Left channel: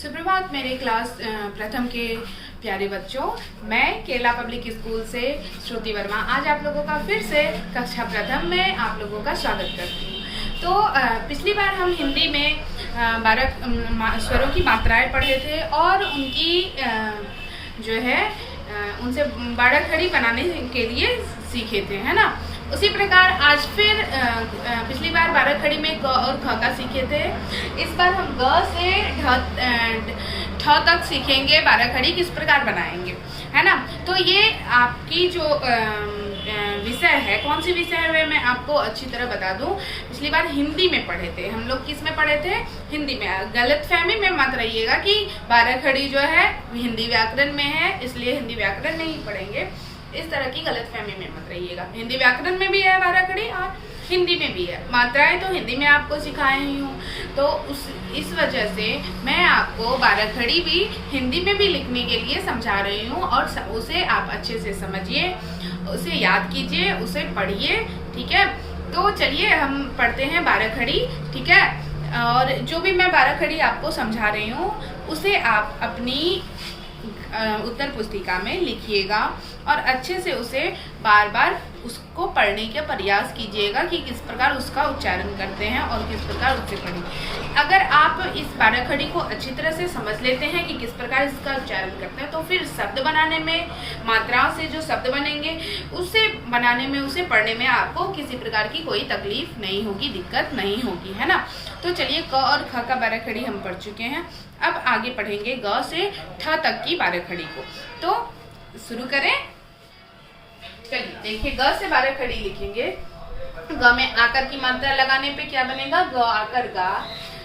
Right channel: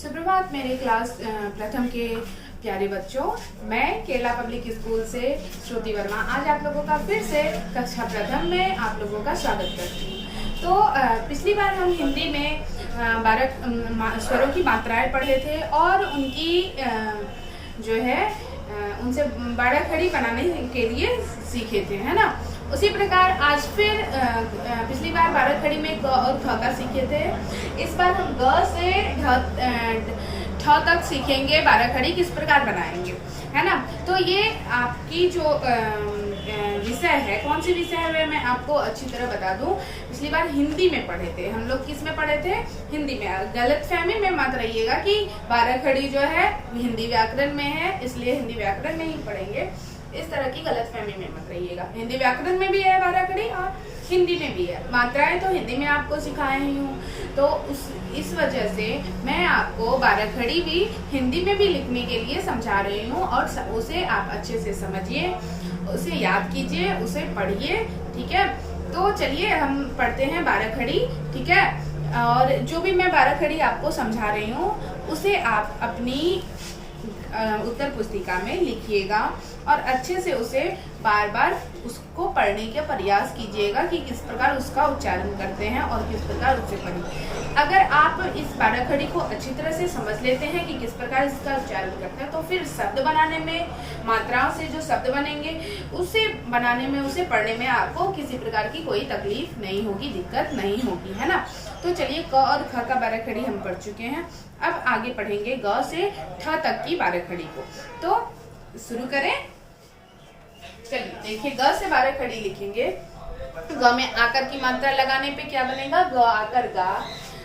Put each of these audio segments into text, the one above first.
सुप्रभात मेरे क्लास प्रथम के प्यारे बच्चों। मैं केरला पब्लिक स्कूल से श्रुति वर्मा आज आप लोगों का फिर से कक्षा प्रथम में आप लोगों का स्वागत करती हूँ। तो पिछली बार हम हिंदी में 12 स्वरों की मात्राएं पढ़े थे और उनकी जो है उनसे बाड़ा खड़ी बनाने के लिए सीखे थे, है ना। उसी प्रकार आज फिर पिछली बार 12 खड़ी में ग और ख का सीखे थे। इस बार हम ग से ठ तक सीखेंगे 12 खड़ी किस प्रकार बनाएंगे, है ना। तो ये आपकी जो विषय है, कौन सी विषय है वे मैं आपको अच्छी तरह बता दूं। पिछली बार हिंदी में पढ़े थे हम लोग। किस में पढ़े थे? हिंदी में। गलतफहमी में मत रहिएगा कि 12 खड़ी जो है हिंदी व्याकरण में है इसलिए हिंदी व्याकरण में ही पढ़ेंगे, इस तरह की गलतफहमी में मत रहिएगा। हिंदी व्याकरण में भी है 12 खड़ी और हिंदी में भी है। मात्राएं तो हिंदी में आपको सिखाए ही हूँ, तो इस वजह से मैं आपको 12 खड़ी भी हिंदी में भी लिखने के लिए समझा रही हूँ और उसे आप अच्छे से समझिए, उसे याद कीजिए, उसे पढ़िए, ठीक है। तो चलिए हम पढ़ते हैं 12 खड़ी, ठीक है। और जो भी मैं 12 खड़ी आपको समझा रही हूँ उसे आप अपनी उत्तर पुस्तिका में लिखिएगा और अच्छे से उसे बार बार उसको पढ़ने का प्रयास कीजिएगा कि किस प्रकार उसका उच्चारण करते हैं और किस प्रकार उसे पढ़ें। अगर आप इस 12 खड़ी को अच्छी तरह से समझ लेते हैं कि किस प्रकार इसका उच्चारण करते हैं तो फिर शब्द बनाने में, मात्राओं से जो शब्द बनेंगे उसे बनाने में, उसे पढ़ने में आपको किसी प्रकार की कोई तकलीफ नहीं होगी, दिक्कत नहीं होगी, है ना। तो चलिए क और ख का 12 खड़ी हम पढ़ चुके हैं। अब आगे पढ़ेंगे ग से ठ तक की 12 खड़ी को। तो शुरू करें। चलिए देखिए, ग से 12 खड़ी लिखेंगे। ग में आकर की मात्रा लगाने पे क्या बनेगा? ग आकर गा।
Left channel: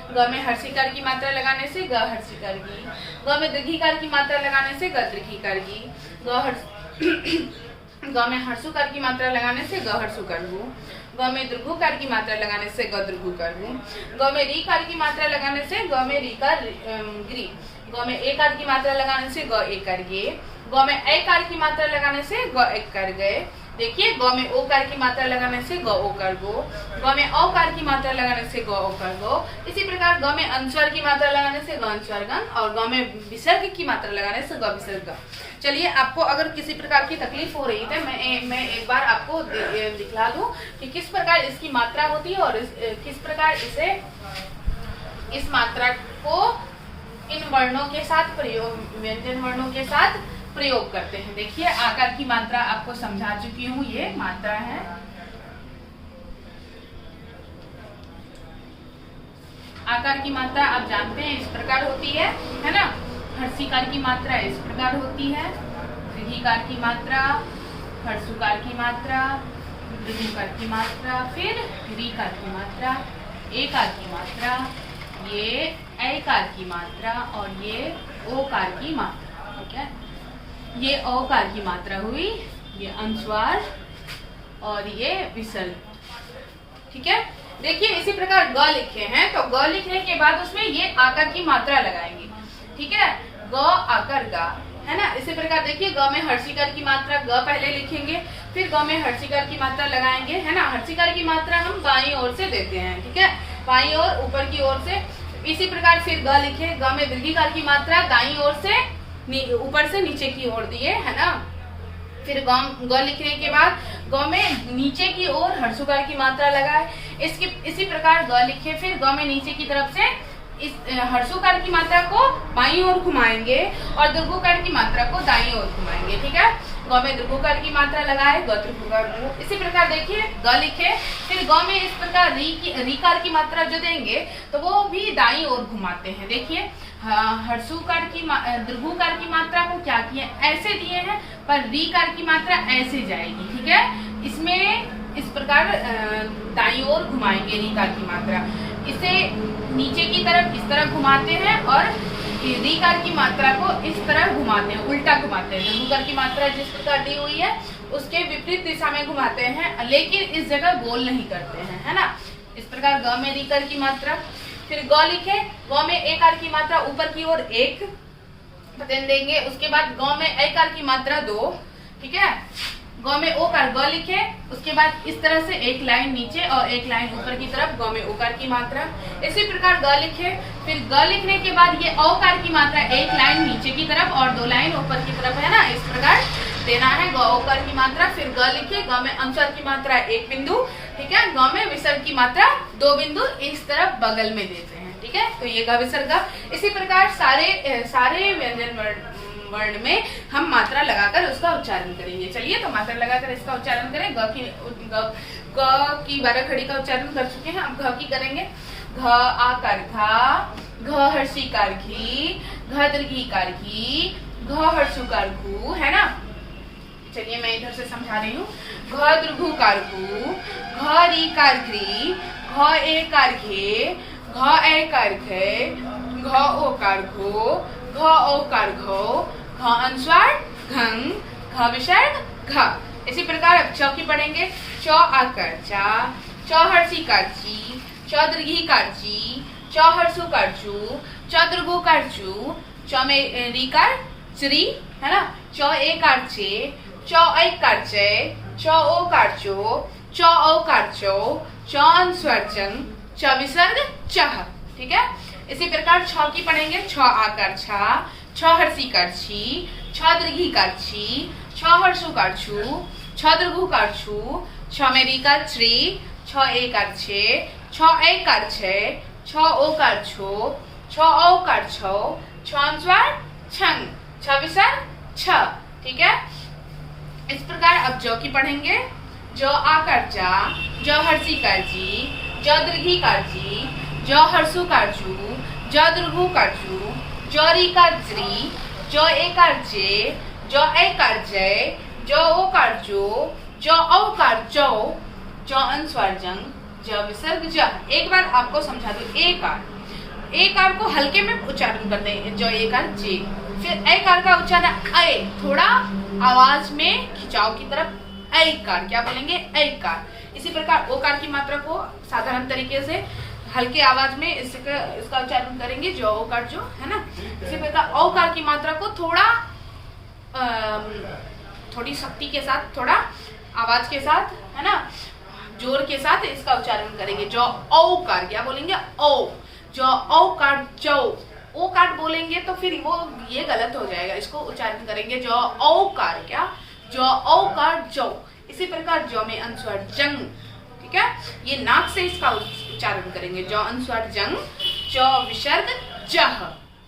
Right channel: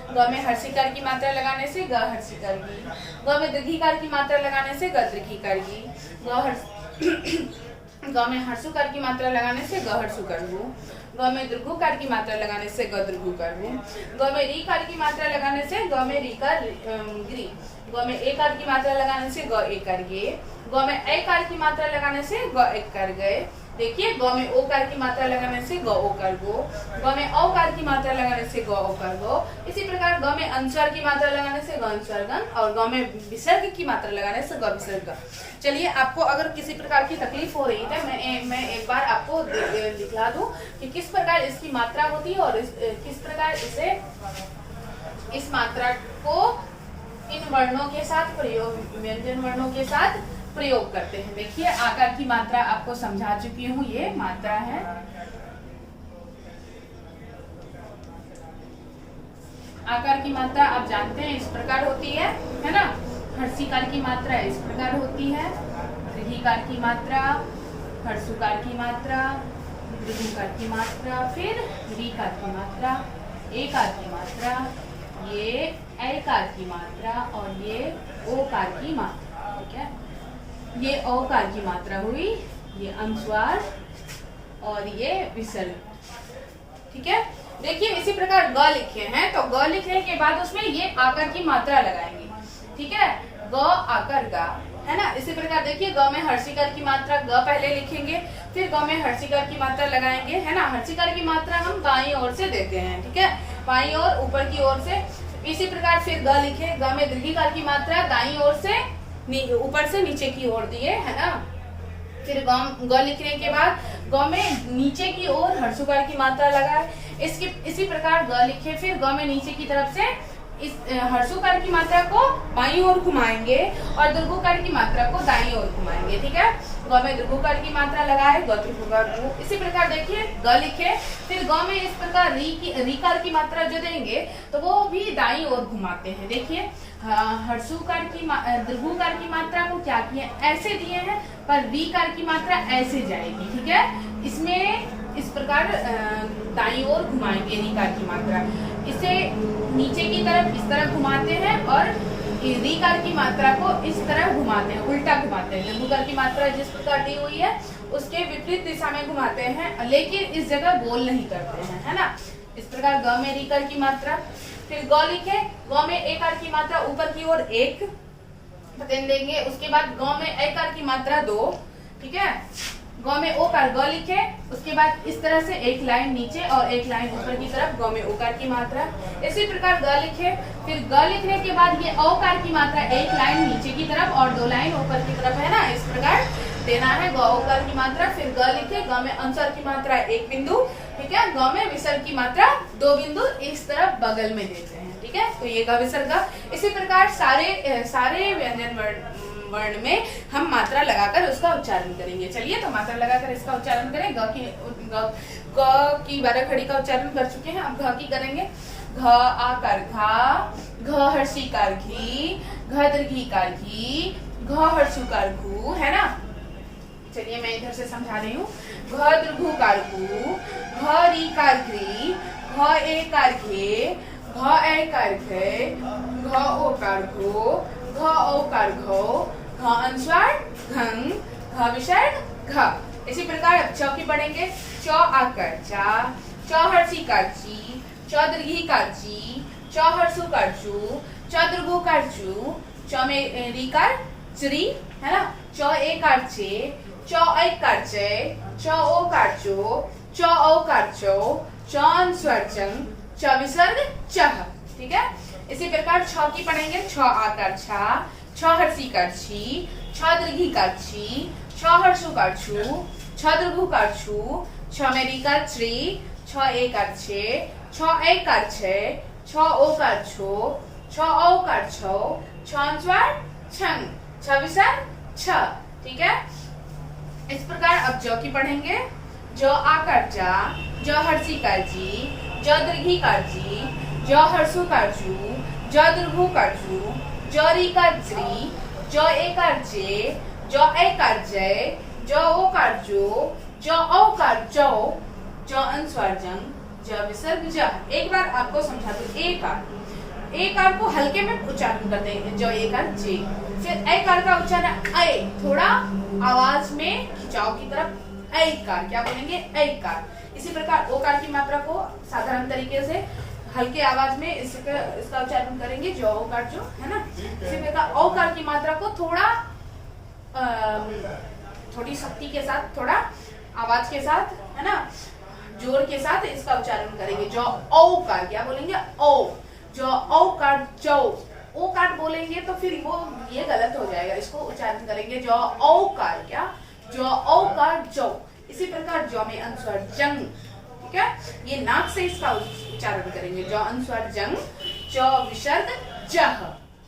ग में हर्षिकार की मात्रा लगाने से ग हर्षिकार गी। ग में दीर्घिकार की मात्रा लगाने से ग दीर्घिकार गी। ग में हर्षुकार की मात्रा लगाने से ग हर्षुकार गु। ग में दीर्घुकार की मात्रा लगाने से ग दीर्घुकार गु। ग में रीकार की मात्रा लगाने से ग में रीकार ग्री। ग में एकार की मात्रा लगाने से ग एकार गे। ग में ऐकार की मात्रा लगाने से ग एकार गए। देखिए, ग में ओकार की मात्रा लगाने से ग ओकार गो। ग में औकार की मात्रा लगाने से ग ओकार गो। इसी प्रकार ग में अनुस्वार की मात्रा लगाने से ग अनुस्वार गण और ग में विसर्ग की मात्रा लगाने से ग विसर्ग। चलिए, आपको अगर किसी प्रकार की तकलीफ हो रही है तो मैं एक बार आपको दिखला दूं कि किस प्रकार इसकी मात्रा होती है और किस प्रकार इसे इस मात्रा को इन वर्णों के साथ प्रयोग, व्यंजन वर्णों के साथ प्रयोग करते हैं। देखिए, आकार की मात्रा आपको समझा चुकी हूँ, ये मात्रा है। आकार की मात्रा आप जानते हैं इस प्रकार होती है ना। हर्षिकार की मात्रा इस प्रकार होती है। दीर्घिकार की मात्रा, हर्षुकार की मात्रा, दीर्घिकार की मात्रा, फिर रीकार की मात्रा, एकार की मात्रा, ये ऐकार की मात्रा और ये ओकार की मात्रा, ठीक है। ये औकार की मात्रा हुई, ये अनुस्वार और ये विसर्ग, ठीक है। देखिए, इसी प्रकार ग लिखे हैं तो ग लिखने के बाद उसमें ये आकार की मात्रा लगाएंगे, ठीक है। ग आकर गा, है ना। इसी प्रकार देखिए, ग में हर्षिकार की मात्रा ग पहले लिखेंगे, फिर ग में हर्षिकार की मात्रा लगाएंगे, है ना। हर्षिकार की मात्रा हम बाईं ओर से देते हैं, ठीक है, बाईं ओर, ऊपर की ओर से। इसी प्रकार फिर ग लिखे, ग में दीर्घिकार की मात्रा दाईं ओर से ऊपर से नीचे की ओर दिए, है ना। फिर ग लिखने के बाद ग में नीचे की ओर हर्षुकार की मात्रा लगाए। इसी प्रकार ग लिखे, फिर ग में नीचे की तरफ से इस हर्षुकार की मात्रा को बाईं ओर घुमाएंगे और दीर्घुकार की मात्रा को दाईं ओर घुमाएंगे, ठीक है। ग में दीर्घुकार की मात्रा लगाए, ग दीर्घुकार गु। इसी प्रकार देखिए, ग लिखे, फिर ग में इस प्रकार रीकार की मात्रा जो देंगे तो वो भी दाईं ओर घुमाते हैं। देखिए, हर्षुकार की दीर्घुकार की मात्रा को क्या किए, ऐसे दिए हैं, पर रीकार की मात्रा ऐसे जाएगी, ठीक है। इसमें इस प्रकार दाईं ओर घुमाएंगे रीकार की मात्रा। इसे नीचे की तरफ इस तरह घुमाते हैं और रीकार की मात्रा को इस तरह घुमाते हैं, उल्टा घुमाते हैं। दीर्घुकार की मात्रा जिस प्रकार दी हुई है उसके विपरीत दिशा में घुमाते हैं, लेकिन इस जगह गोल नहीं करते हैं, है ना। इस प्रकार ग में रीकार की मात्रा, फिर ग लिखे, ग में एकार की मात्रा ऊपर की ओर 1 देंगे। उसके बाद ग में ऐकार की मात्रा 2, ठीक है। ग में ओकार ग लिखे, उसके बाद इस तरह से एक लाइन नीचे और एक लाइन ऊपर की तरफ ग में ओकार की मात्रा। इसी प्रकार ग लिखे, फिर ग लिखने के बाद ये औकार की मात्रा एक लाइन नीचे की तरफ और 2 लाइन ऊपर की तरफ, है ना, इस प्रकार देना है ग ओकार की मात्रा। फिर ग लिखे, ग में अनुस्वार की मात्रा 1 बिंदु, ठीक है, ग में विसर्ग की मात्रा 2 बिंदु इस तरफ बगल में देते हैं, ठीक है। तो ये ग विसर्ग ग। इसी प्रकार सारे व्यंजन वर्ण में हम मात्रा लगाकर उसका उच्चारण करेंगे। चलिए तो मात्रा लगाकर इसका उच्चारण करें। ग की 12 खड़ी का उच्चारण कर चुके हैं, अब घ की करेंगे। घ आकार घा, घ हर्षिकार घी, घ दीर्घिकार घी, घ हर्षुकार घू, है ना। चलिए मैं इधर से समझा रही हूँ। घ दीर्घुकार घू, घ रीकार घ्री, घ एकार घे, घ ऐकार घे, घ ओकार घो, घ औकार घो, घ अनुस्वार घंग, घ विसर्ग घ। इसी प्रकार अब च की पढ़ेंगे। च आकार चा, च हर्षिकार ची, च दीर्घिकार ची, च हर्षुकार चू, च दीर्घुकार चू, च में रीकार श्री, है ना, च एकार चे, च ऐकार चे, च ओकार चो, च औकार चो, च अनुस्वार चंग, च विसर्ग चह, ठीक है। इसी प्रकार छ की पढ़ेंगे। छ आकार छा, छ हर्षिकार छी, छ दीर्घिकार छी, छ हर्षुकार छू, छ दीर्घुकार छू, छ में रीकार श्री, छ एकार छे, छ ऐकार छे, छ ओकार छो, छ औकार छो, छ अनुस्वार छंग, छ विसर्ग छ, ठीक है। इस प्रकार अब ज की पढ़ेंगे। ज आकार जा, ज हर्षिकार जी, ज दीर्घिकार जी, ज हर्षुकार जू, ज दीर्घुकार जू, ज रीकार ज्री, ज एकार जे, ज ऐकार जय, ज ओकार जो, ज औकार जौ, ज अनुस्वार जंग, ज विसर्ग ज। एक बार आपको समझा दूं। एकार को हल्के में उच्चारण करते हैं, ज एकार जे। फिर ऐकार का उच्चारण ऐ, थोड़ा आवाज में खिंचाव की तरफ ऐकार, क्या बोलेंगे, ऐकार। इसी प्रकार ओकार की मात्रा को साधारण तरीके से हल्के आवाज में इसका उच्चारण करेंगे, जो ओकार जो, है ना। इसी प्रकार औकार की मात्रा को थोड़ी शक्ति के साथ, थोड़ा आवाज के साथ, है ना, जोर के साथ इसका उच्चारण करेंगे। जो औकार, क्या बोलेंगे, औ, जो औकार जो। ओकार बोलेंगे तो फिर वो ये गलत हो जाएगा, इसको उच्चारण करेंगे जो औकार, क्या, जो औकार जो। इसी प्रकार जो में अनुस्वार जंग, ठीक है, ये नाक से इसका उच्चारण करेंगे, जो अनुस्वार जंग, जो विसर्ग जह,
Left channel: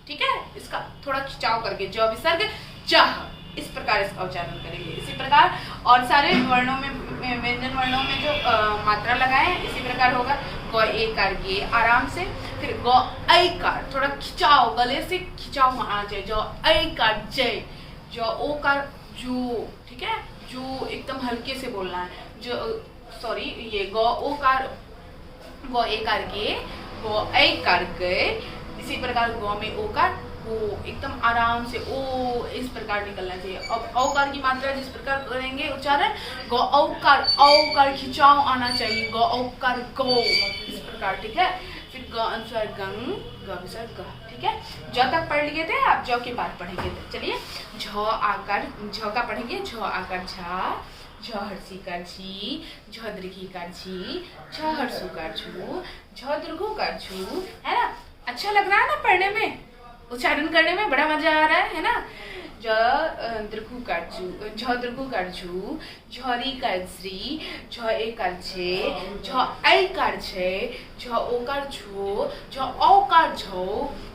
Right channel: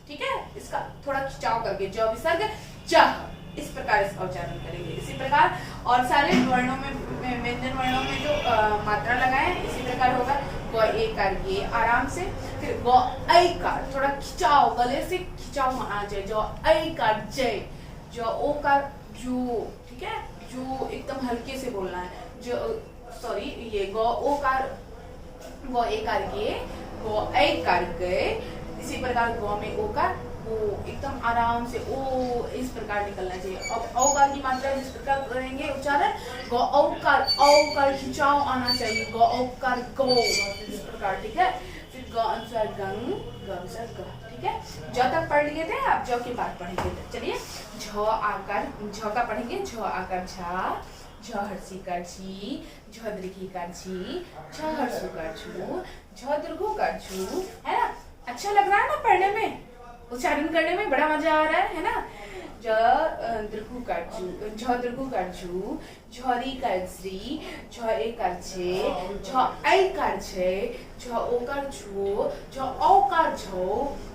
ठीक है, इसका थोड़ा खिंचाव करके, जो विसर्ग जह, इस प्रकार इसका उच्चारण करेंगे। इसी प्रकार और सारे वर्णों में, व्यंजन वर्णों में जो मात्रा लगाए इसी प्रकार होगा। ग एकार गे, आराम से। फिर ग ऐकार, थोड़ा खिंचाव, गले से खिंचाव आना चाहिए, जो ऐकार जय, जो ओकार जो, ठीक है, जो एकदम हल्के से बोलना है, जो, सॉरी, ये ग ओकार, ग एकार गे, ग ऐकार गए। इसी प्रकार ग में ओकार ओ, एकदम आराम से ओ, इस प्रकार निकलना चाहिए। अब औकार की मात्रा जिस प्रकार करेंगे उच्चारण, ग औकार, औकार खिंचाव आना चाहिए, ग औकार गो, इस प्रकार, ठीक है। फिर ग अनुस्वार गंग, ग विसर्ग ग, ठीक है। ज तक पढ़ लिए थे, आप ज के बाद पढ़ेंगे। चलिए झ आकार, झ का पढ़ेंगे। झ आकार झा, झ हर्षिकार झी, झ दीर्घिकार झी, झ हर्षुकार झू, झ दीर्घुकार झू, है ना। अच्छा लग रहा है ना पढ़ने में, उच्चारण करने में बड़ा मजा आ रहा है ना। ज दीर्घुकार झू, झ दीर्घुकार झू, झ रीकार झ्री, झ एकार झे, झ ऐकार झे, झ ओकार झो, झ औकार झो,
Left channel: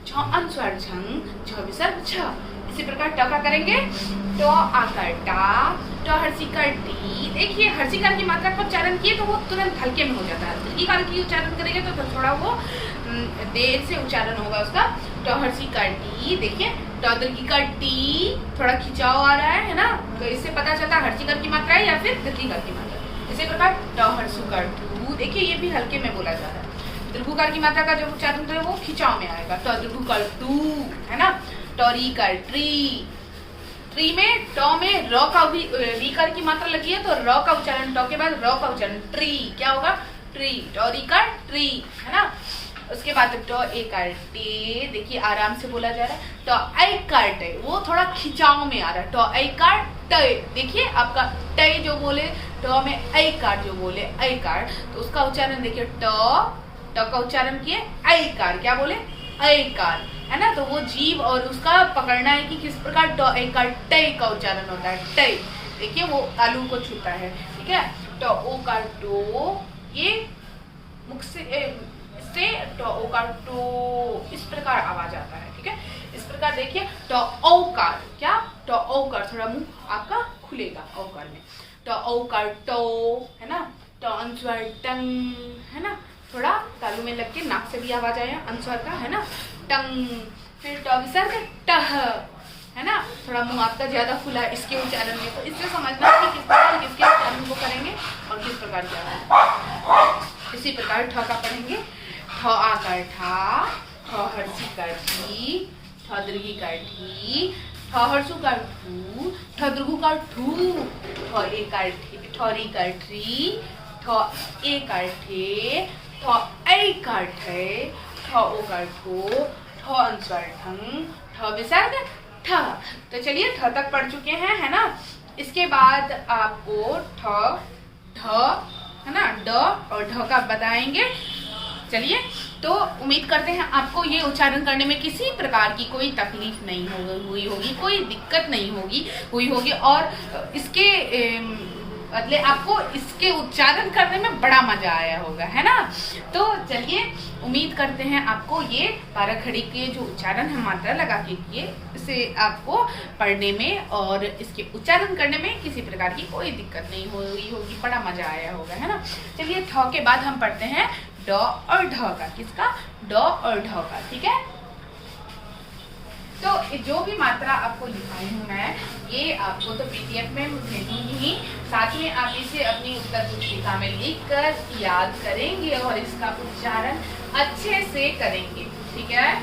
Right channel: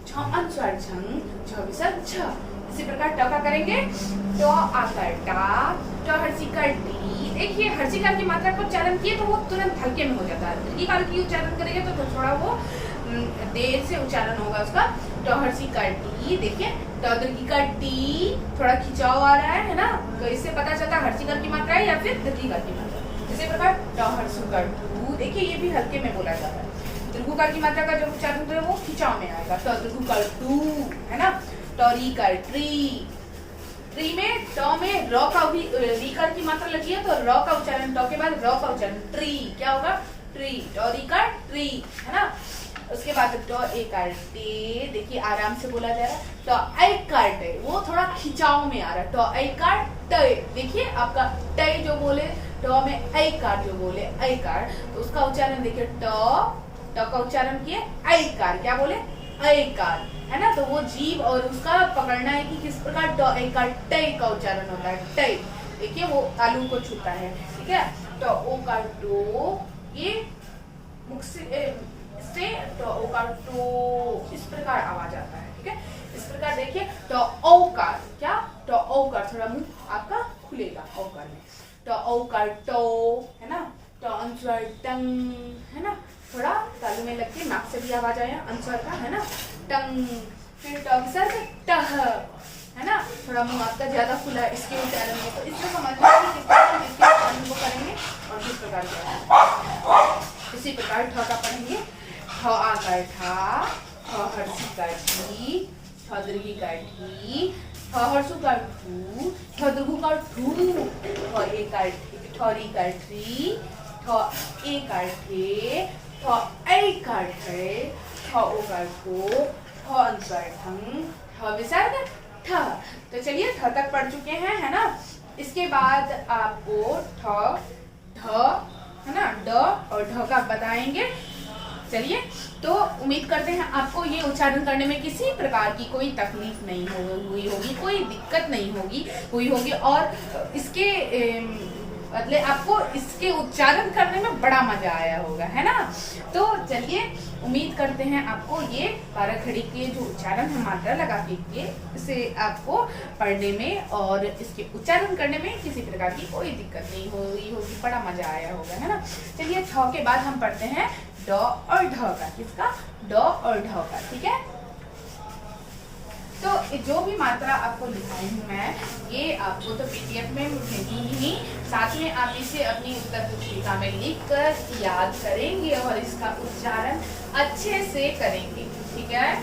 झ अनुस्वार झंग, झ विसर्ग झ। इसी प्रकार ट का करेंगे। ट आकार टा, ट हर्षिकार टी। देखिए हर्षिकार की मात्रा का उच्चारण किए तो वो तुरंत हल्के में हो जाता है, दीर्घिकार की उच्चारण करेंगे तो थोड़ा वो देर से उच्चारण होगा उसका। ट हर्षिकार टी, देखिए ट दीर्घिकार टी, थोड़ा खिंचाव आ रहा है ना, तो इससे पता चलता है हर्षिकार की मात्रा है या फिर दीर्घिकार की मात्रा। इसी प्रकार ट हर्षुकार टू, देखिए ये भी हल्के में बोला जा रहा है। दीर्घिकार की मात्रा का जो उच्चारण है वो खिंचाव में आएगा। ट दीर्घिकार टू, है ना। ट रीकार ट्री, ट्री में ट में र का भी रीकार की मात्रा लगी है तो र का उच्चारण, ट के बाद र का उच्चारण, ट्री, क्या होगा, ट्री, ट रीकार ट्री, है ना। उसके बाद ट एकार देखिए आराम से बोला जा रहा है। ट ऐकार टे, वो थोड़ा खिंचाव में आ रहा है। ट ऐकार टय, देखिए आपका टय जो बोले, ट में ऐ कार जो बोले, ऐ कार, तो उसका उच्चारण देखिए, ट का उच्चारण किए, ऐ कार, क्या बोले, ऐ कार, है ना। तो वो जीव और उसका पकड़ना है कि किस प्रकार ट ऐ कार टय का उच्चारण होता है, टय, देखिए वो तालु को छूता है, ठीक है। ट ओ कार टो, ये मुख से ट ओ कार टो, इस प्रकार आवाज आता है, ठीक है। इस प्रकार देखिए, ट औ कार, क्या, ट औ कार, थोड़ा मुंह आपका खुलेगा औ कार में, ट औ कार टो, है ना। ट अनुस्वार टंग, है ना, थोड़ा तालु में लग के नाक से भी आवाज आया अनुस्वार का, है ना, टंग। फिर ट विसर्ग टह, है ना, थोड़ा मुंह आपका ज्यादा खुला है इसके उच्चारण में, तो इससे समझना कि किस प्रकार किसके उच्चारण को करेंगे और किस प्रकार क्या। इसी प्रकार ठ का पढ़ेंगे, ठ आकार ठा, ठ हर्षी का ठी, ठ दीर्घी का ठी, ठ हर्षु का ठू, ठ दीर्घु का ठू, ठ ए का ठरी का ठी, ठ ए का ठे, ठ ऐ का ठे, ठ ओ का ठो, ठ अनुस्वार ठंग, ठ विसर्ग ठ। तो चलिए ठ तक पढ़ चुके हैं, है ना। इसके बाद आपको ठ, ढ, है ना, ड और ढ का बताएंगे। चलिए, तो उम्मीद करते हैं आपको ये उच्चारण करने में किसी प्रकार की कोई तकलीफ नहीं हुई होगी, कोई दिक्कत नहीं हुई होगी और इसके बदले आपको इसके उच्चारण करने में बड़ा मजा आया होगा, है ना। तो चलिए, उम्मीद करते हैं आपको ये पाराखड़ी के जो उच्चारण हम मात्रा लगा के किए, इसे आपको पढ़ने में और इसके उच्चारण करने में किसी प्रकार की कोई दिक्कत नहीं हुई होगी, बड़ा मजा आया होगा, है ना। चलिए, ठ के बाद हम पढ़ते हैं ड और ढ का, किसका, ड और ढ का, ठीक है। तो जो भी मात्रा आपको लिखाई हूँ मैं, ये आपको तो पीडीएफ में भेजूंगी ही, साथ में आप इसे अपनी उत्तर पुस्तिका में लिखकर याद करेंगे और इसका उच्चारण अच्छे से करेंगे, ठीक है।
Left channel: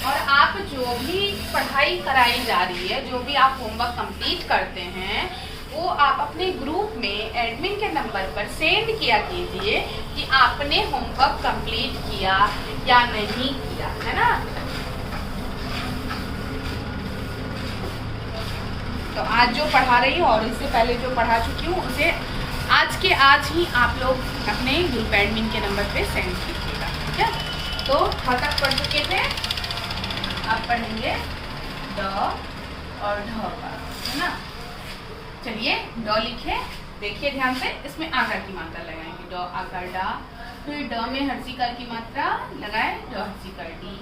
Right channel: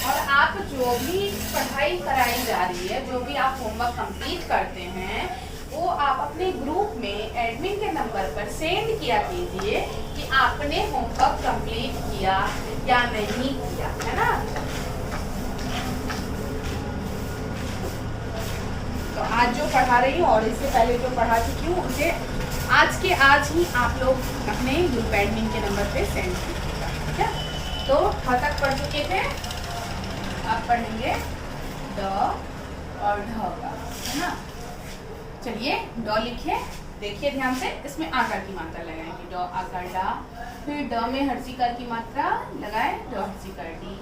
और आप जो भी पढ़ाई कराई जा रही है, जो भी आप होमवर्क कंप्लीट करते हैं, वो आप अपने ग्रुप में एडमिन के नंबर पर सेंड किया कीजिए कि आपने होमवर्क कंप्लीट किया या नहीं किया, है ना। तो आज जो पढ़ा रही हूँ और इससे पहले जो पढ़ा चुकी हूँ, उसे आज के आज ही आप लोग अपने ग्रुप एडमिन के नंबर पे सेंड कीजिएगा, ठीक है। तो ठ तक पढ़ चुके थे, आप पढ़ेंगे ड और ढ का, है ना। चलिए, ड लिखे, देखिए ध्यान से, इसमें आकार की मात्रा लगाएंगे, ड आकार डा, फिर ड में हर्षिकार की मात्रा लगाए, ड हर्षिकार डी,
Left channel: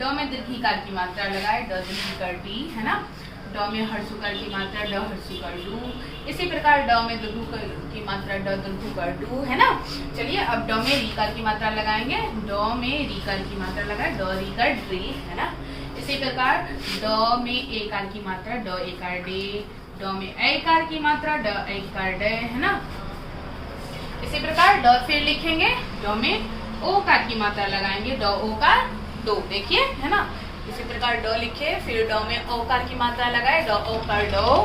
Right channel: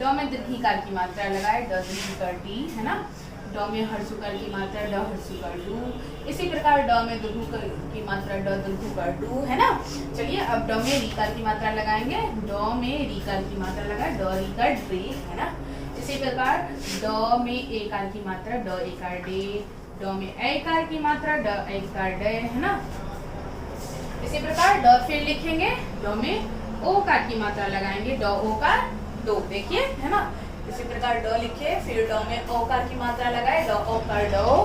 ड में दीर्घिकार की मात्रा लगाए, ड दीर्घिकार डी, है ना। ड में हर्षुकार की मात्रा, ड हर्षिकार डू, इसी प्रकार ड में दीर्घु की मात्रा, ड दीर्घुकार डू, है ना। चलिए, अब ड में रीकार की मात्रा लगाएंगे, ड में रीकार की मात्रा लगाए, ड रीकार ड्रे, है ना। इसी प्रकार ड में एकार की मात्रा, ड एकार डे, ड में ऐकार की मात्रा, ड ऐकार डे, है ना। इसी प्रकार ड फिर लिखेंगे, ड में ओकार की मात्रा लगाएंगे, ड ओकार दो, देखिए, है ना। इसी प्रकार ड लिखे, फिर ड में ओकार की मात्रा लगाए, ड ओकार डो।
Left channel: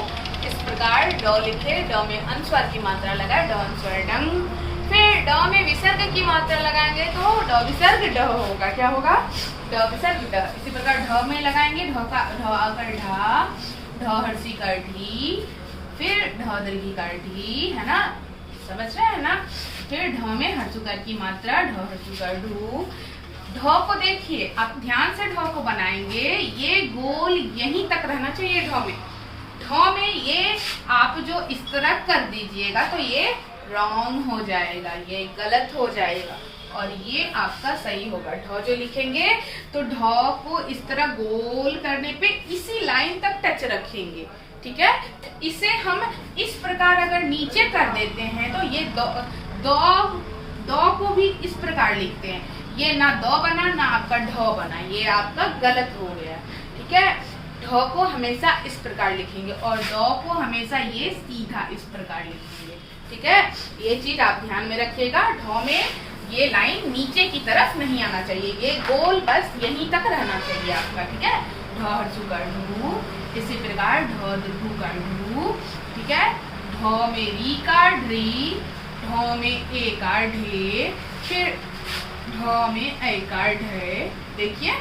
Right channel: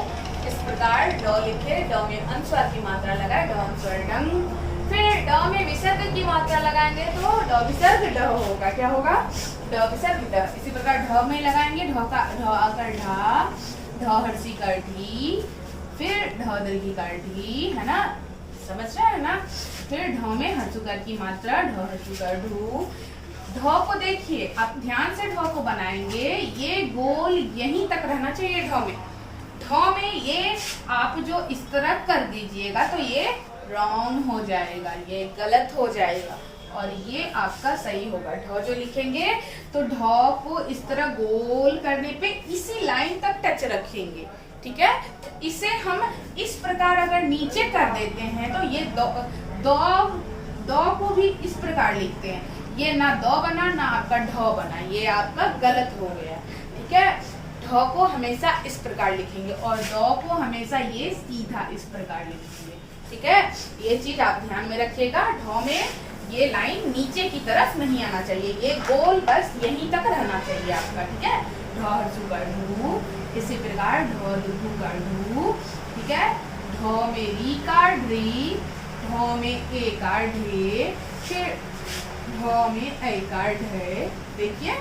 इस प्रकार ड लिखे, ड में अनुस्वार की मात्रा लगाए, ड अनुस्वार डंग। फिर ड में विसर्ग की मात्रा लगाएंगे तो ड विसर्ग ड होगा, क्या होगा, ड विसर्ग ड। इसी प्रकार ढ में लगाएंगे, ढ आकर ढा, ढ हर्षी का ढी, फिर ढ दीर्घी का ढी, है ना, समझ रहे हैं ना। फिर ढ में हर्षुकार की मात्रा, ढ हर्षुकार ढू। ढ को देखिए, आप ध्यान से ढ को बनाएंगे, ये गोल यहीं तक रहना चाहिए ढ में। ढ में ये आप जो इस तरह कर दीजिएगा तो ये रॉन्ग हो जाएगा, ये गलत हो जाएगा और ये आपका सही होगा। ढ जो लिखेंगे तो ढ को इस तरह गोल करने पे इसी लाइन तक टच रखेंगे, ठीक है। इसे हम इस प्रकार अगर नीचे कर देते हैं तो ये दो को भी इस प्रकार लिखते हैं, ये ना दो बना ना आपका ढ बना, ये आपका गलत हो गया, ठीक है। ढ को हमेशा इस प्रकार लिखेंगे और द को हमेशा ये सीधा इस प्रकार लिखेंगे, ठीक है। ये चीज आप ध्यान में रखिएगा। ढ में ये लाइन नीचे की तरफ नहीं आना चाहिए, ये गोल बस यहीं तक रहना चाहिए आपका, ठीक है। ढ हर्षु का ढू, इसी प्रकार ढ दीर्घु का ढू, ठीक है। ढ में री का ढी, ढ में ए का ढे, फिर ढ में ऐकार ढ, देखिए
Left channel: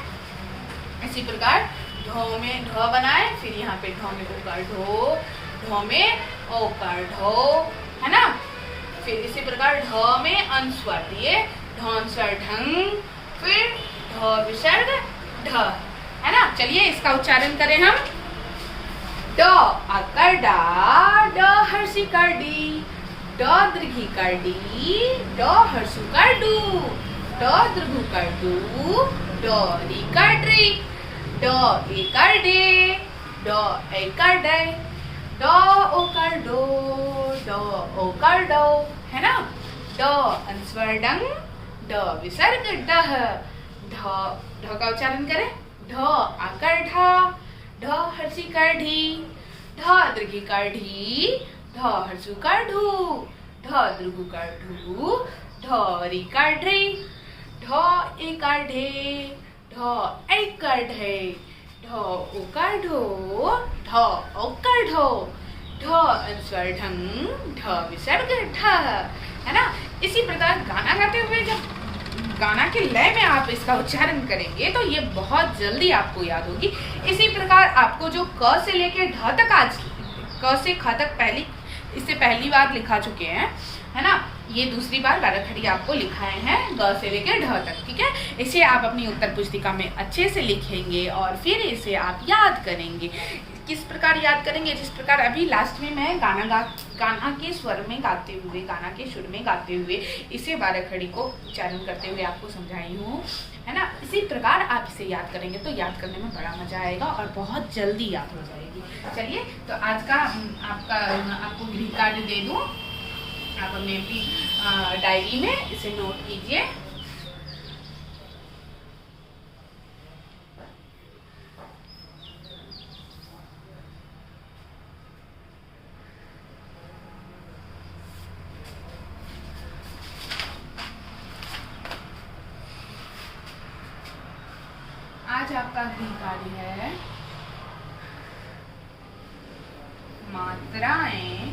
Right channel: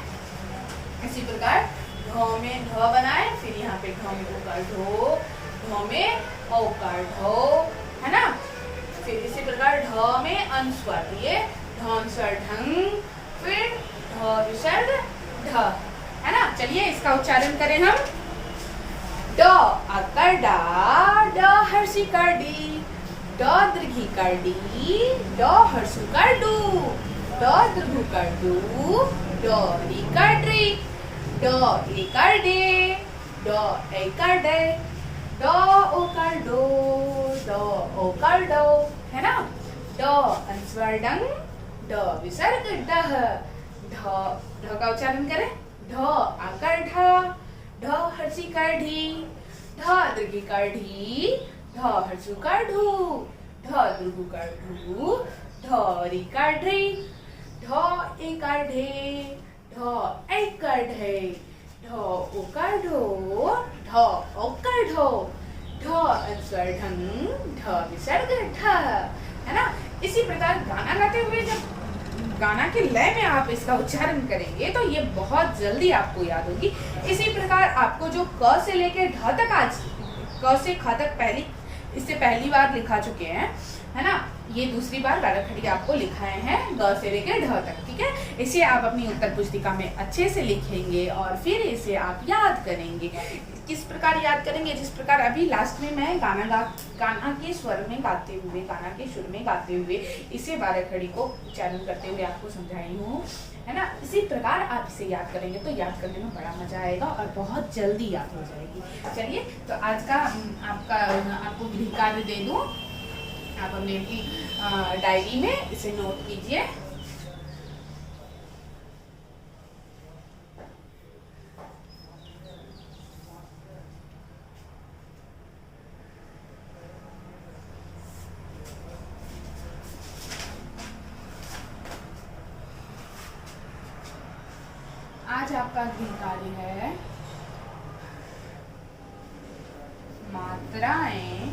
इसी प्रकार ढ में ढ बनाए, फिर यहाँ पे ढ में ओकार ढो, ढ में ओकार ढो, है ना। फिर इसी प्रकार ढ में अनुस्वार दिए, ढ अनुस्वार ढंग, फिर ढ विसर्ग ढ, है ना। चलिए इसका उच्चारण करें हम। ड आकार डा, ड हर्षिकार डी, ड दीर्घिकार डी, ड हर्षुकार डू, ड दीर्घुकार डू, ड रीकार ड्री, ड एकार डे, ड ऐकार डे, ड ओकार डो, ड ओकार डो, है ना। ड अनुस्वार डंग, ड विसर्ग डह, ढ का उच्चारण करें। ढ आकार ढा, ढ हर्षिकार ढी, ढ दीर्घिकार ढी, ढ हर्षुकार ढू, ढ दीर्घुकार ढू, ढ रीकार ढ्री, ढ एकार ढे, ढ ऐकार ढे, ढ ओकार ढो, ढ ओकार ढो, ढ अनुस्वार ढंग, ढ विसर्ग ढ, है ना। इसी प्रकार गाना गाते हुए जब गाना के लय में आप इसका उच्चारण करेंगे तो ये बहुत जल्दी आपको याद होगी। इसी प्रकार आपको जो क से लेकर ढ तक, आज क से ख तक इससे पहली बार लिखा चुके हैं, है ना। ये दूसरी बार बाराखड़ी आपको लिखाए हैं ग से लेकर ढ तक, ठीक है। इसे आप अपनी उत्तर पुस्तिका में अच्छे से लिखेंगे और फिर इसे आप याद करेंगे। किस प्रकार याद करेंगे? जिस प्रकार अभी लास्ट में मैं गाना के स्वर में गाते हुए, गाना के सुर में गाते हुए इसे बाराखड़ी को उच्चारण करते हुए आपको समझाई हूँ, है ना। इसी प्रकार आप इसे याद करेंगे तो याद करने में बड़ा मजा आएगा और बहुत जल्दी याद हो जाएगी। चलिए तो आज का आपको गृह कार्य दे दूँ, आप अपने डायरी में इसे नोट कीजिए। आज आपका गृह कार्य है मात्राएं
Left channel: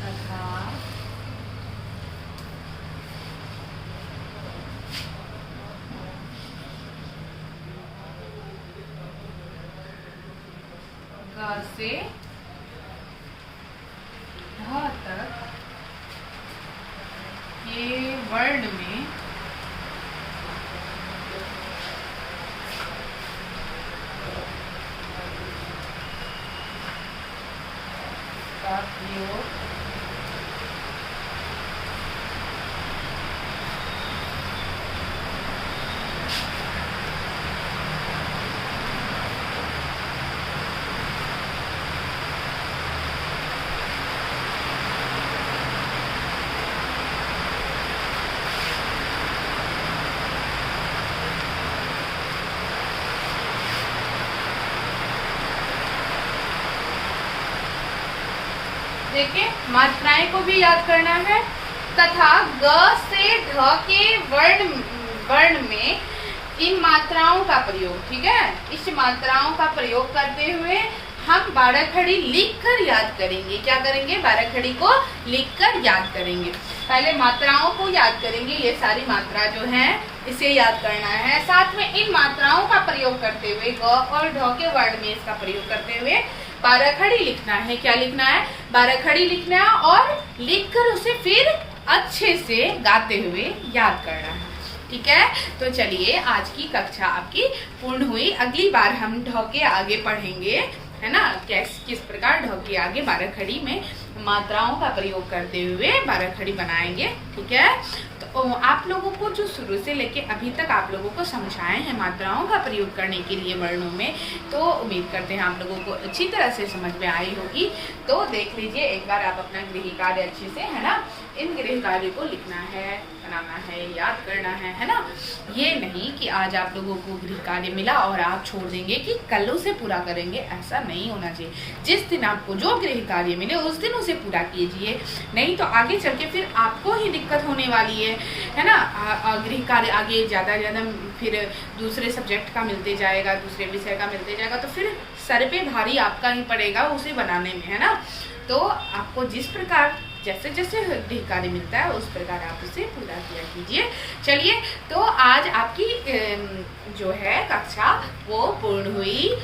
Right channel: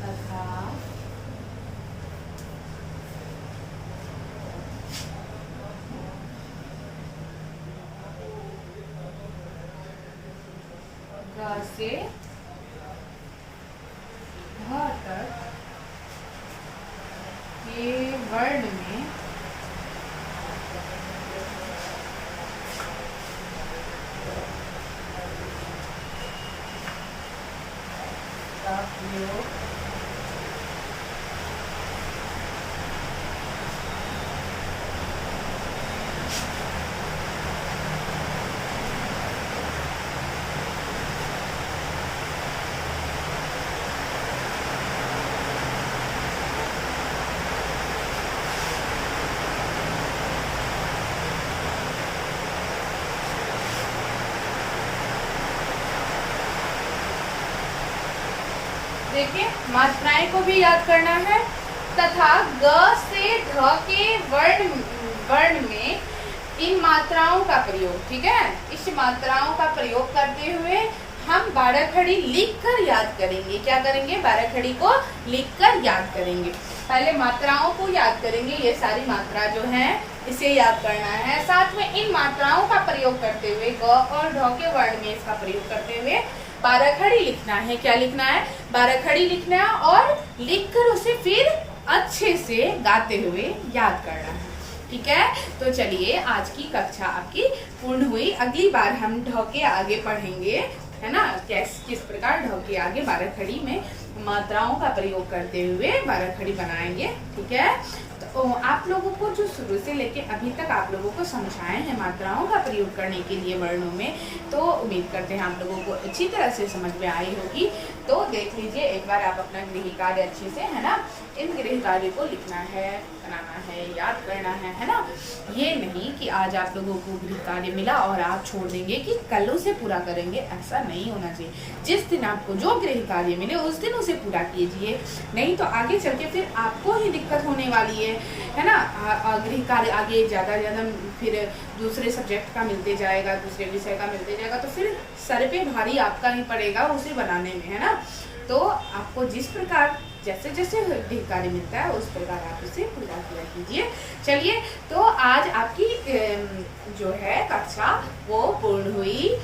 तथा ग से ढ तक के वर्ण में का प्रयोग देखिए मात्राएं को भी याद करना है तथा ग से ढ के वर्ण में इन मात्राओं का प्रयोग, ठीक है। इस मात्राओं का प्रयोग करते हुए हम बाराखड़ी लिखकर याद करेंगे। क्या करेंगे? बाराखड़ी को लिखकर याद करेंगे। पहले मात्राओं को याद करेंगे, ये सारी मात्रा जो है इसे याद करना है। साथ में इन मात्राओं का प्रयोग करते हुए ग और ढ के वर्ण में इसका प्रयोग करते हुए बाराखड़ी लिखना है। क्या लिखना है? बाराखड़ी लिखना और लिखकर उसे फिर अच्छे से गाते हुए याद करना है, ठीक है। तो चलिए आज की कक्षा आपकी पूर्ण हुई। अगली बार हम ढ के आगे पढ़ेंगे, है ना, किस प्रकार ढ के आगे बाराखड़ी में मात्राओं का प्रयोग करते हुए बाराखड़ी बनाएंगे, ठीक है। तो आप लोगों को जो शुरू से लेके अभी तक आप लोगों को समझाए हैं मात्राओं का प्रयोग करने के लिए वर्णों में, तो उम्मीद करते हैं आप लोगों को अच्छी तरह से समझ में आई होगी। तो देख लीजिए एक बार आप अपना गृह कार्य अच्छे से, है ना, इन गृह कार्य को लिखना है, बनाना है, याद करना है ना। ये नहीं कि आज आप लोगों को गृह कार्य मिला और आप छोड़ देंगे कि कल उसे पूरा करेंगे, ऐसा नहीं होना चाहिए। जिस दिन आपको जो गृह कार्य मिले उस दिन उसे पूरा कीजिए, नहीं तो आगे चल के फिर आपको ही दिक्कत होने वाली है ना। गृह कार्य आगे ज़्यादा फिर दूसरे सब्जेक्ट का मिलते जाएगा, दूसरे विषय का मिलते जाएगा, तो फिर सर पे भारी आपका ही पड़ेगा उसे बनाने में, है ना। तो आपको जिस प्रकार जैसे जैसे ढेर कार्य मिलता है उस प्रकार आप उसे पूरा किया कीजिए। चलिए, तो आज आपकी जो है कक्षा वो पूर्ण हुई,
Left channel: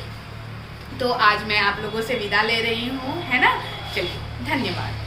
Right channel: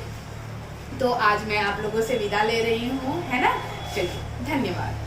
तो आज मैं आप लोगों से विदा ले रही हूँ, है ना। चलिए, धन्यवाद।